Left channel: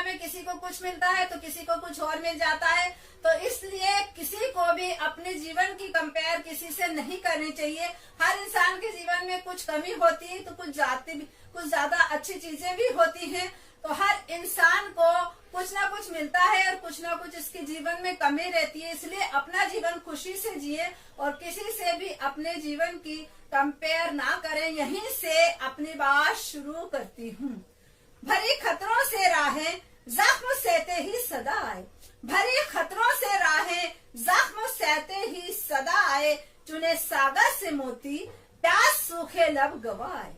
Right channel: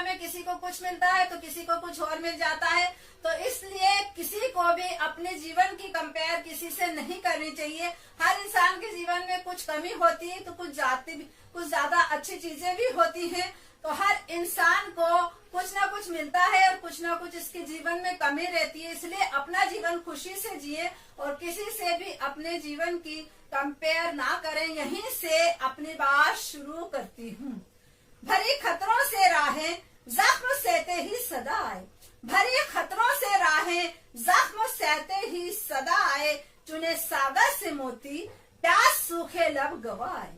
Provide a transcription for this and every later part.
दुनिया में किसी को कुछ मिलता है तो किसी को कुछ और मिल जाता है। तो इसलिए किसी को भी अपने जीवन की कंपेयर किसी से नहीं करनी चाहिए। हर इंसान के जीवन में कुछ कमी होती है तो कुछ ज्यादा अच्छी चीजें भी होती हैं। तो हर इंसान को कुछ ना कुछ मिलता है और कुछ ना कुछ इसके जीवन में कमी रहती है। इसलिए अपना जीवन खुशी से जिए और किसी से भी अपने जीवन की कंपेयर ना करें। यहीं से अपनी बात शुरू करती हूँ। भरी खतरों से राहें जख्म सहते ही सदा आए, भरी खतरों से राहें जख्म सहते ही सदा आए। चुने सागर से मोती प्यास सूखे लब गवाए,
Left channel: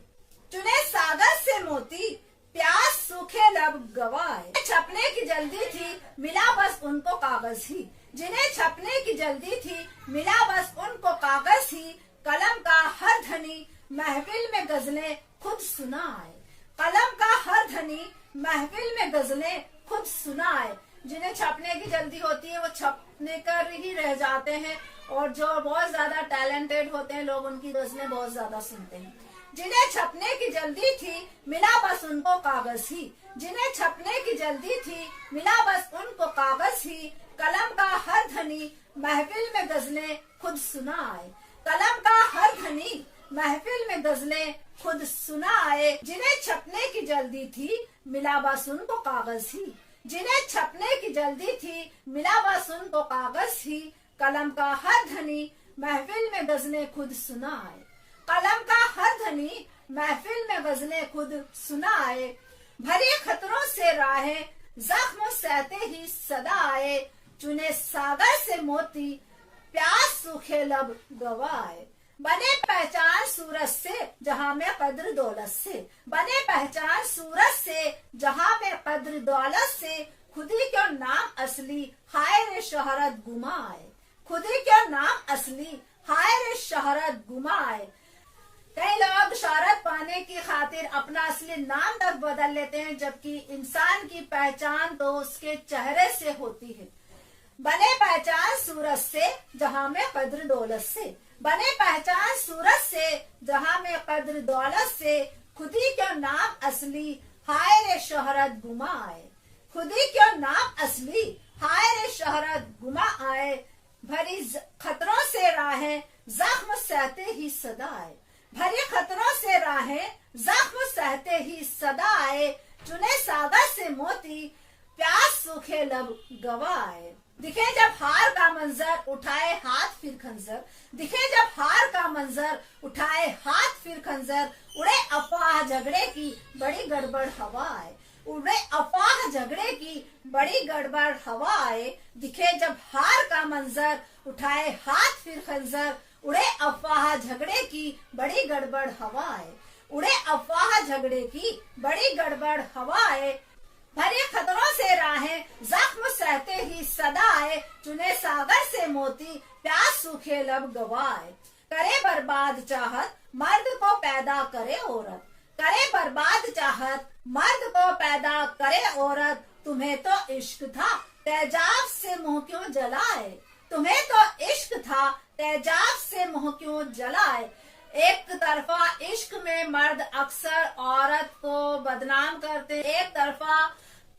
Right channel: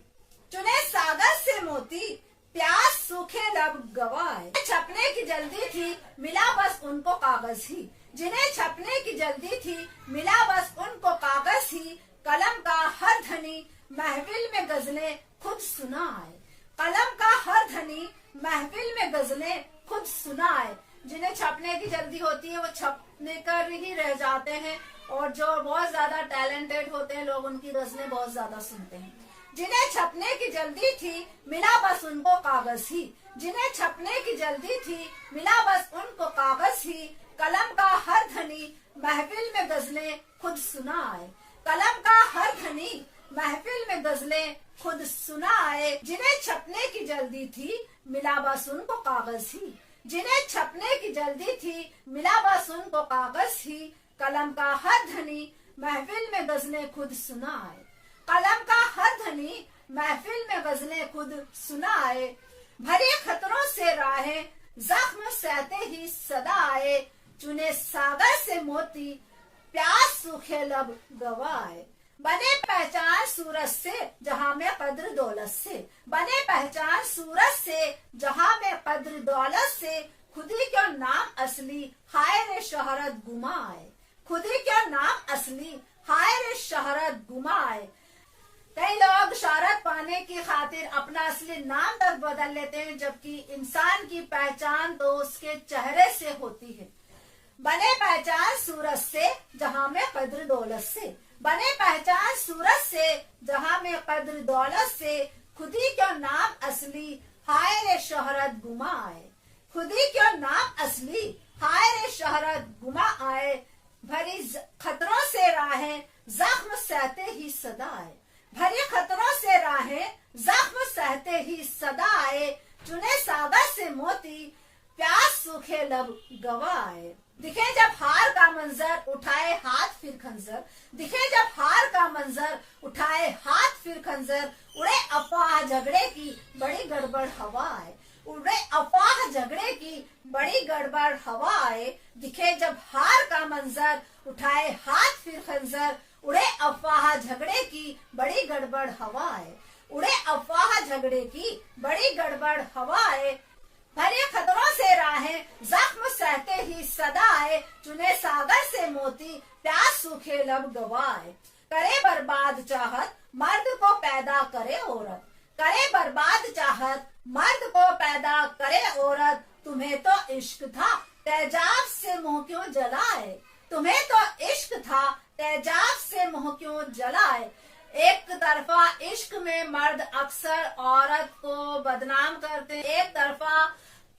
चुने सागर से मोती प्यास सूखे लब गवाए। छपने की जल्दी थी मिला बस उनको कागज ही, जिन्हें छपने की जल्दी थी मिला बस उनको कागज ही। कलम का हर धनी महफिल में गजलें खुद सुनाए, कलम का हर धनी महफिल में गजलें खुद सुनाए। जिन्हें छपने की जल्दी होती है वो छपने कर ही रह जाते हैं और जो बहुत ज्यादा टैलेंटेड होते हैं लोग उनकी गजलें बहुत ज्यादा सुनते हैं। जिन्हें छपने की जल्दी थी मिला बस उनको कागज ही, जिन्हें छपने की जल्दी थी मिला बस उनको कागज ही। कलम का हर धनी महफिल में गजलें खुद सुनाए, कलम का हर धनी महफिल में गजलें खुद सुनाए। जिन्हें छपने की जल्दी थी मिला बस उनको कागज ही, जिन्हें छपने की जल्दी थी मिला बस उनको कागज ही। कलम का हर धनी महफिल में गजलें खुद सुनाए, कलम का हर धनी महफिल में गजलें खुद सुनाए। भरे खतरों से राहें जख्म सहते ही सदा आए। चुने सागर से मोती प्यास सूखे लब गवाए। बने पहचान सूरज से जहां में कद्र दौलत से, बने पहचान सूरज से जहां में कद्र दौलत से। खुदी क्यों नाम असली हाय रे शोहरत गुमाए, खुदी क्यों नाम असली हाय रे शोहरत गुमाए। कई लोग शोहरत पाने की खातिर अपना असली नाम तक बदल लेते हैं, जबकि इंसान की पहचान तो उसके चेहरे से होती है। बने पहचान सूरज से जहां में कद्र दौलत से, बने पहचान सूरज से जहां में कद्र दौलत से। खुदी क्यों नाम असली हाय रे शोहरत गुमा आए, खुदी क्यों नाम असली हाय रे शोहरत गुमा आए। भरी खतरों से राहें जख्म सहते ही सदा आए, भरी खतरों से राहें जख्म सहते ही सदा आए। चुने सागर से मोती प्यास सूखे लब गवाए। दिखे जब हार का मंजर उठाए हाथ फिर खंजर, दिखे जब हार का मंजर उठाए हाथ फिर खंजर। उड़े अफवाह झगड़े की बड़ी गड़बड़ हवा आए, उड़े अफवाह झगड़े की बड़ी गड़बड़ हवा आए। दिखे जब हार का मंजर उठाए हाथ फिर खंजर। उड़े अफवाह झगड़े की बड़ी गड़बड़ हवा आए, उड़े अफवाह झगड़े की बड़ी गड़बड़ हवा आए। भरे खतरों से राहें जख्म सहते ही सदा आए। चुने सागर से मोती प्यास सूखे लब गवाए। करे बर्बाद चाहत मर्द को पैदा करे औरत, करे बर्बाद चाहत मर्द को पैदा करे औरत। तुम्हें तो इश्क था तेजाब से मुंह क्यों जलाए, तुम्हें तो इश्क था तेजाब से मुंह क्यों जलाए। एक तरफा इश्क में मर्द अक्सर औरत को बदनाम करते, एक तरफा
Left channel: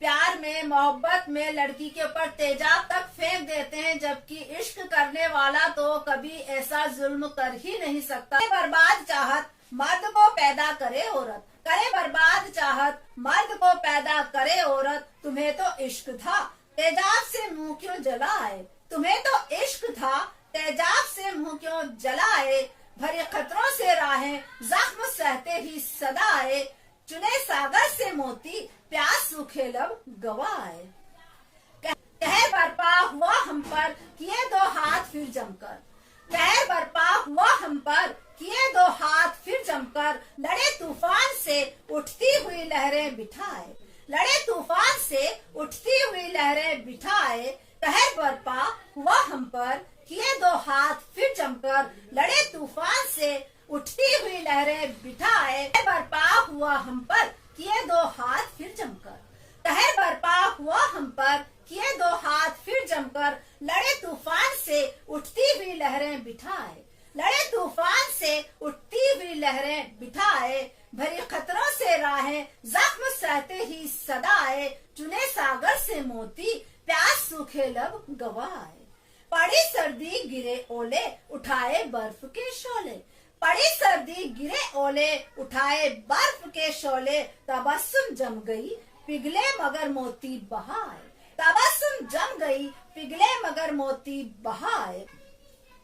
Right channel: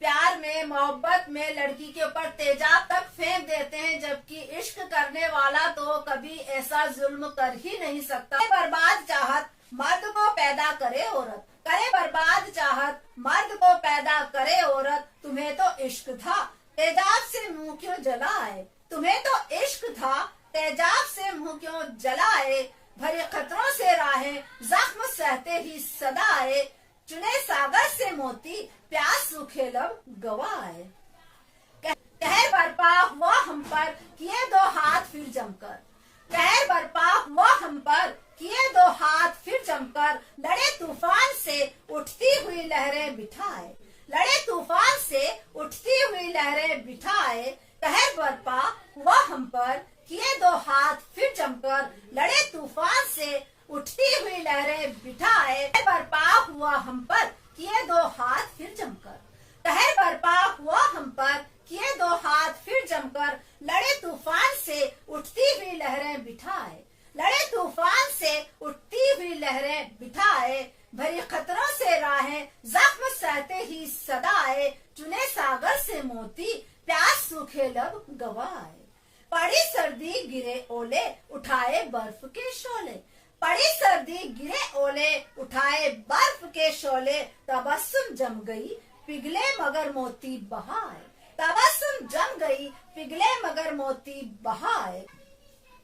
प्यार में मोहब्बत में लड़की के ऊपर तेजाब तक फेंक देते हैं, जबकि इश्क करने वाला तो कभी ऐसा जुल्म कर ही नहीं सकता। बर्बाद चाहत मर्द को पैदा करे औरत, करे बर्बाद चाहत मर्द को पैदा करे औरत। तुम्हें तो इश्क था तेजाब से मुंह क्यों जलाए, तुम्हें तो इश्क था तेजाब से मुंह क्यों जलाए। भरे खतरों से राहें जख्म सहते ही सदा आए। चुने सागर से मोती प्यास सूखे लब गवाए। कहर बरपा हुआ हम पर किए दो हाथ फिर जमकर, कहर बरपा हुआ हम पर किए दो हाथ फिर जमकर। लड़े तूफान से उठती हुई लहरें बिठाए, लड़े तूफान से उठती हुई लहरें बिठाए। कहर बरपा हुआ हम पर किए दो हाथ फिर जमकर। लड़े तूफान से उठती हुई लहरें बिठाए। बरपा हुआ हम पर किए दो हाथ फिर जमकर, कहर बरपा हुआ हम पर किए दो हाथ फिर जमकर। लड़े तूफान से उठती हुई लहरें बिठाए, लड़े तूफान से उठती हुई लहरें बिठाए, भरी खतरों से राहें जख्म सहते ही सदा आए, चुने सागर से मोती प्यास सूखे लब गवाए। पड़ी सर्दी गिरे ओले उठाए बर्फ के शोले, पड़ी सर्दी गिरे ओले उठाए बर्फ के शोले, तबस्सुम जम गई पिघले मगर मोती बहाए, तबस्सुम जम गई पिघले मगर मोती बहाए।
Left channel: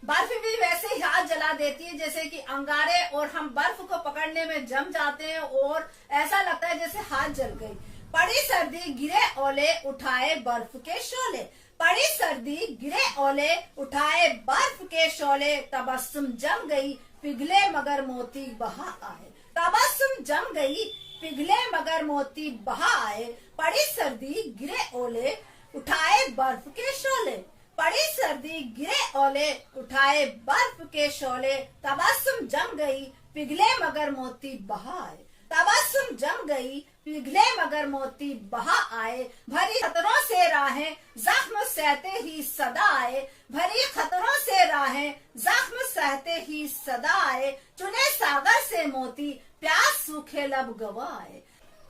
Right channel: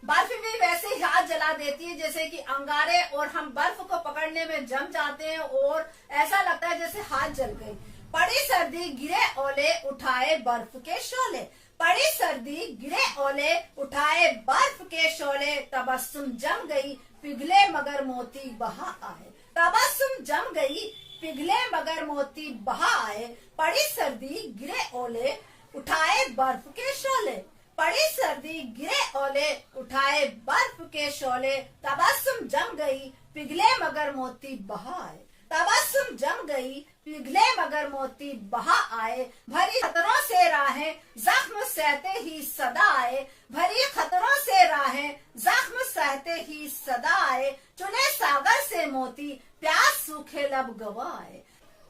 बर्फ भी वैसे ही हाथ जला देती है जैसे कि अंगारे, और हम बर्फ को पकड़ने में जम जाते हैं और ऐसा लगता है जैसे हाथ जल गई। पड़ी सर्दी गिरे ओले उठाए बर्फ के शोले, पड़ी सर्दी गिरे ओले उठाए बर्फ के शोले, तबस्सुम जम गई पिघले मगर मोती बहा आए, तबस्सुम जम गई पिघले मगर मोती बहा आए। पड़ी सर्दी गिरे ओले उठाए बर्फ के शोले, पड़ी सर्दी गिरे ओले उठाए बर्फ के शोले, तबस्सुम जम गई पिघले मगर मोती बहा आए, तबस्सुम जम गई पिघले मगर मोती बहा आए। भरी खतरों से राहें जख्म सहते ही सदा आए, भरी खतरों से राहें जख्म सहते ही सदा आए, चुने सागर से मोती प्यास सूखे लब गवाए।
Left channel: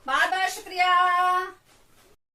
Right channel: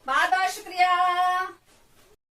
बहुत बहुत शुक्रिया।